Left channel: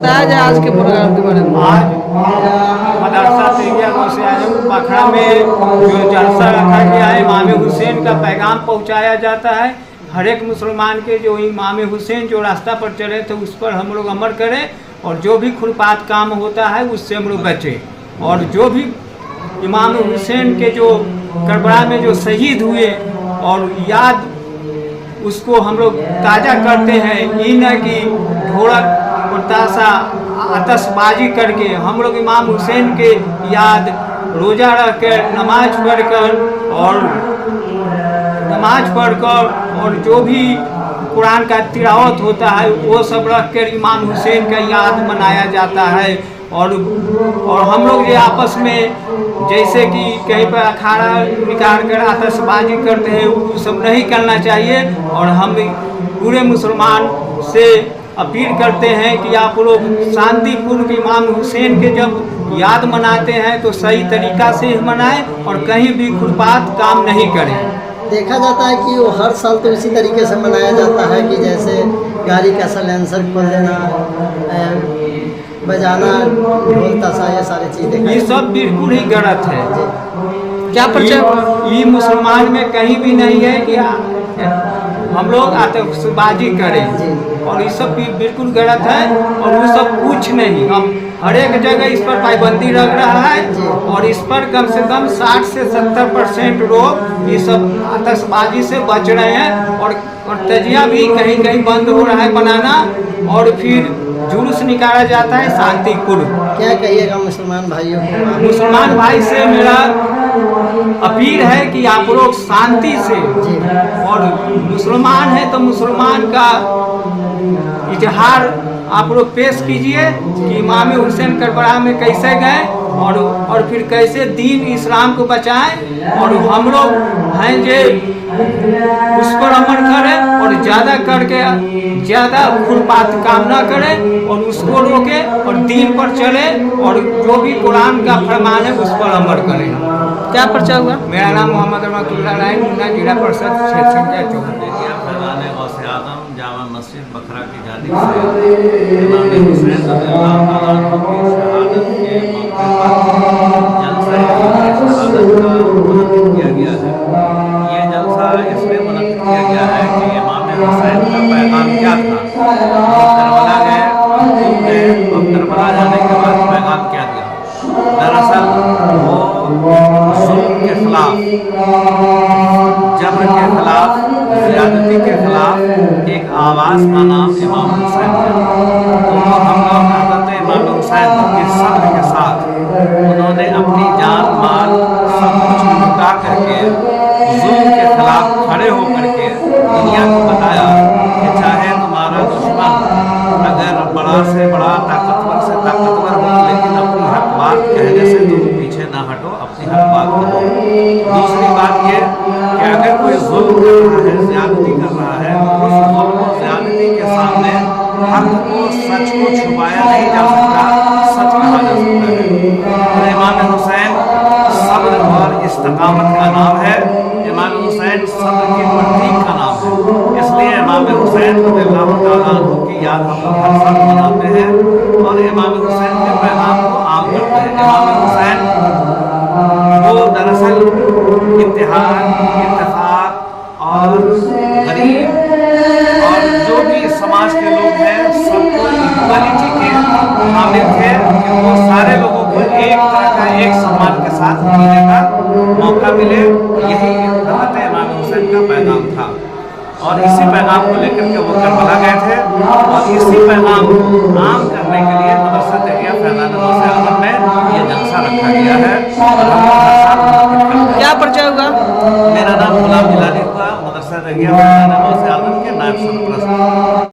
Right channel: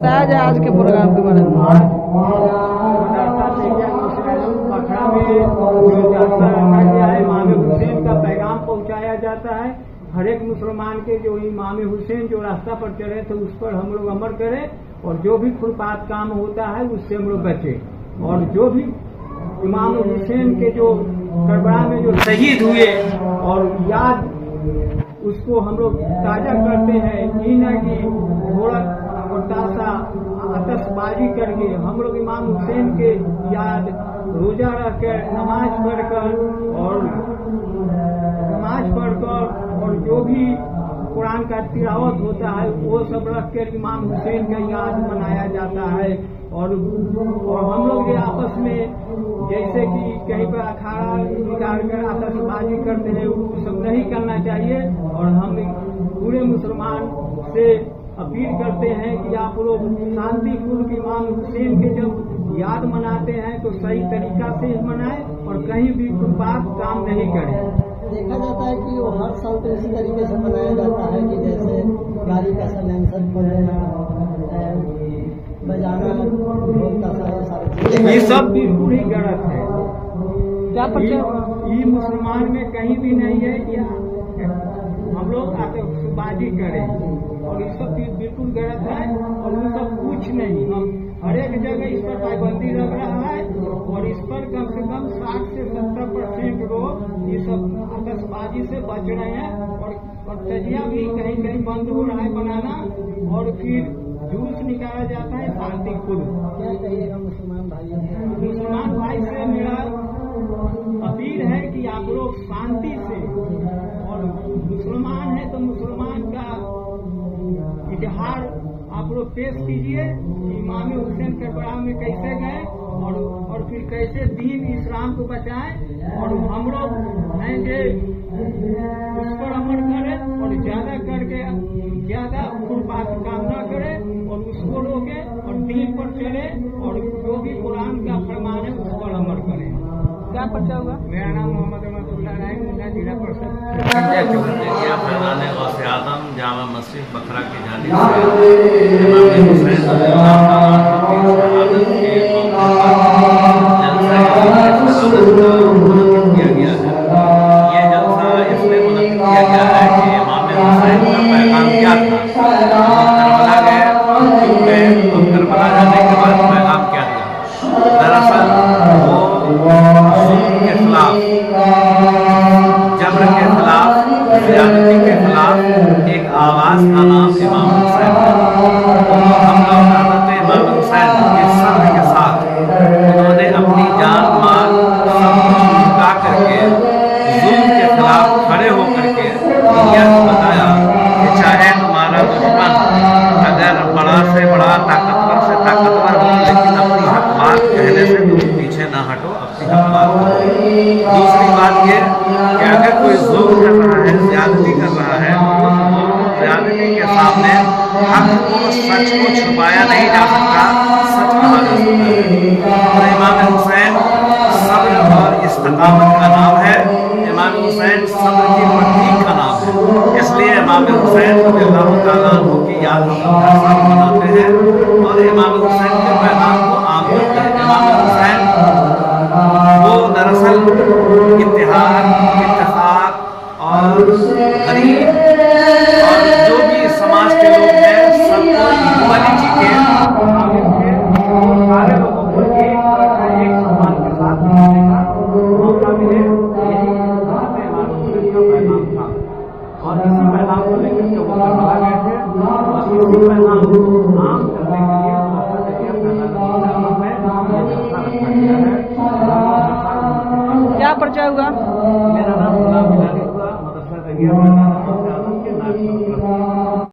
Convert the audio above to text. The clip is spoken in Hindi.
बताया जाए आज के प्रोग्राम के बारे में। आज मदरसा तेगिया से आजम पखड़ा में जो जलसा रखा गया है, इमाम हुसैन का पैगाम पहुंचाया जाता है। हर एक मुसलमान के जो इमाम हुसैन जो रास्ता पर चले थे उस पर हम लोग अमल करें और जो भी खुरपात काम होता है उससे हम लोग बचें। और जो भी इमाम हुसैन के जो करबला में जो शहीद हुए और याद उसको हम लोग ताज़ा करते हैं। ये न कि ढोलक और ताशा आतशबाजी करके हम लोग इमाम हुसैन के याद रोज़ा रख कर नमाज पढ़कर और जो भी कुरान का तिलावत होता है वो सब रख कर इमाम हुसैन का याद मनाया जाता है। और हम लोग ये आपस में जैसे कि कहीं पर अखाड़ा निकाल कर आतशबाजी करते हैं वो सब नहीं करना चाहिए। और हम पूरे मुसलमान से अपील करते हैं कि आप लोग शांतिपूर्वक इमाम हुसैन के जब याद मनाते हैं तो सही तरीक़ा से मनाएं और कहीं भी खुरपात काम नहीं करें। देखा जाता है कि वो हर साल तो इसी तरीके से मनाया जाता है कि जैसे गाड़ी का साइलेंसर खोल देना, बजाना, ढोल ताशा, ये सारी चीज़ें ये सब बिल्कुल ही गलत है। क्या परिचय ये मुसलमान में कहीं भी नहीं है कि हम लोग आतशबाजी करें और ये सब भी बिल्कुल गलत है। और वो सब कुछ नहीं, हम हर एक जगह इस पर पाबंदी लग रहा है और इस पर कम से कम 60 से 70% लोग ये सब आतशबाजी से बच रहे हैं। और तजिया भी कहीं कहीं बंद हो रहा है बनाना और फिर जुलूस निकाला जाता है शांतिपूर्व। क्या कहिएगा मुसलमान भाइयों को? मुसलमान भाई से मेरा अपील है कि आप लोग शांति से, और मुसलमान है तो मुसलमान का इजहार आप लोग पेश कीजिए कि इमाम हुसैन करबला में कैसे गए और फिर कैसे दीन इस्लाम को बचाएं। और हम लोग हैं जो उस पर अमल करें और ज़्यादा करके ज़्यादा खुरपात काम ना करें और उसको रोकें और दीन पर चले और जो भी कुरान का फरमान है उस पर अमल करें। क्या परिचय हुआ? मेरा नाम मोहम्मद रहमतुल्लाह राय, मुन्ना जिला परिषद क्षेत्रीय चौधरी। फैज़ान गौसे आज़म जामा मस्जिद बखरा की जानिब से इमाम हुसैन रज़ियल्लाहु अन्हु की शहादत के मौके पर जलसा शहादत का मुनक़्क़िद किया गया है। ये जलसा इसलिए मुनक़्क़िद किया गया है कि इमाम हुसैन का पैगाम क्या था, वो करबला गए, क्यों गए और करबला जाने के बाद पैगाम क्या दिया। दरअसल वो जुल्म के खिलाफ, जबर के खिलाफ, ज़्यादती के खिलाफ एक आवाज़ का नाम इमाम हुसैन है। तो हम लोग हज़रत इमाम हुसैन के सब्र के साथ उन्होंने अपनी जान माल सब कुछ लुटा करके जुल्म के खिलाफ खड़े होकर के दुनिया को बताया कि चाहे तुम्हारा दुश्मन अगर बड़ा से बड़ा ताकतवर से ताकतवर हो, लेकिन अपनी हक बात कहने से तुम पीछे ना हटो, अपनी हक बात करो। दूसरी बात ये कि अगर कोई जुल्म कर रहा है, ज़्यादती कर रहा है, तो उस जुल्म और ज़्यादती के सामने हक को, सच को छुपाया नहीं जा सकता, सच कहा जा सकता है। तो इमाम हुसैन सब्र और इस्तिकामत का नाम है, इमाम हुसैन सब्र की प्रतीक का नाम है। इसलिए इमाम हुसैन रज़ियल्लाहु तआला अन्हु की याद हम लोग हर साल मनाते हैं और इमाम हुसैन के पैगाम को आम करते हैं। इमाम हुसैन वो दरअसल इत्तेहाद, इत्तेफाक और गरीब और जो भी समाज के लोग हैं सबको इक्वलिटी के हामिल थे। वो सारे लोगों को एक तरह का एक सम्मान के साथ जीने का मौका मिले, यही हज़रत इमाम हुसैन का पैगाम था। और इसी पैगाम को लेकर के वो करबला गए थे और इसी पैगाम को आम करने के लिए मदरसा तेगिया फैज़ान गौसे आज़म में ये जलसा रखा गया है। क्या परिचय हुआ? मेरा नाम गुलाम जिलानी हुआ, मदरसा तेगिया फैज़ान